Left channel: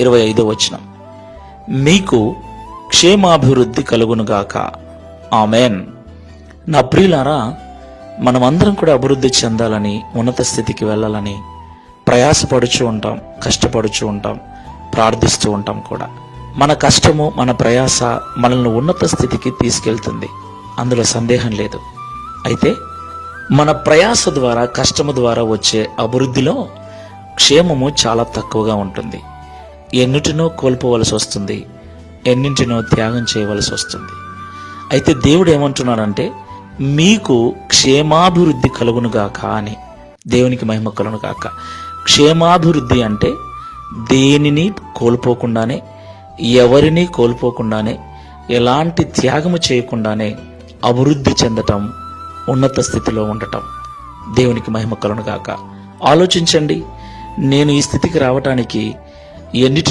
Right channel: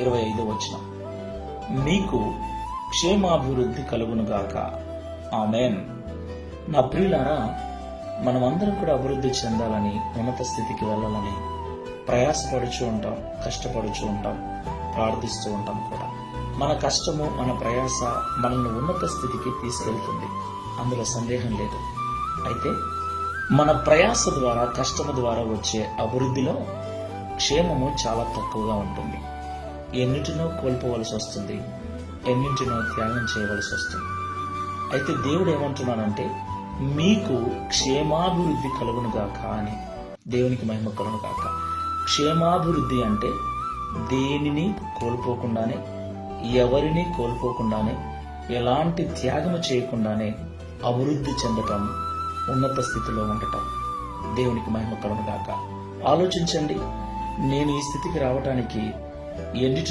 25వ మీకు క్షేమాభివృద్ధి కలుగునుగాక. ఆమెన్. నా ప్రియులారా, మనమందరం కూడా అభివృద్ధి చెందాలని, ఉన్నత స్థితికి వెళ్ళాలని ప్రయాసపడుచు ఉంటాం, కష్టపడుచు ఉంటాం, ప్రార్థిస్తూ ఉంటాం కూడా. మన కష్టము, మన ప్రయాస మనల్ని ఉన్నత స్థితికి తీసుకెళ్తుంది, అందులో సందేహం లేదు. అయితే మన ప్రయాస ద్వారా, కష్టము ద్వారా వచ్చే అభివృద్ధిలో క్షేమము చాలా తక్కువగా ఉంటుంది. ఎన్నిటినో కోల్పోవలసి వస్తుంది, ఎన్నింటినో త్యాగం చేయవలసి వస్తుంది. అయితే దేవుడు ఏమంటున్నాడంటే, మీకు క్షేమాభివృద్ధి కలుగునుగాక అని. దేవునికి మహిమ కలుగునుగాక. క్షేమాభివృద్ధి అంటే దేనిని కోల్పోకుండానే, ఎవరిని కోల్పోకుండానే, ఎలాంటి త్యాగము చేయకుండానే అభివృద్ధి చెందటం, ఉన్నత స్థితిలో ఉండటం. దేవునికి మహిమ కలుగునుగాక. ఆలోచించండి, నేను ఈ స్థితికి రావటానికి ఎన్నిటి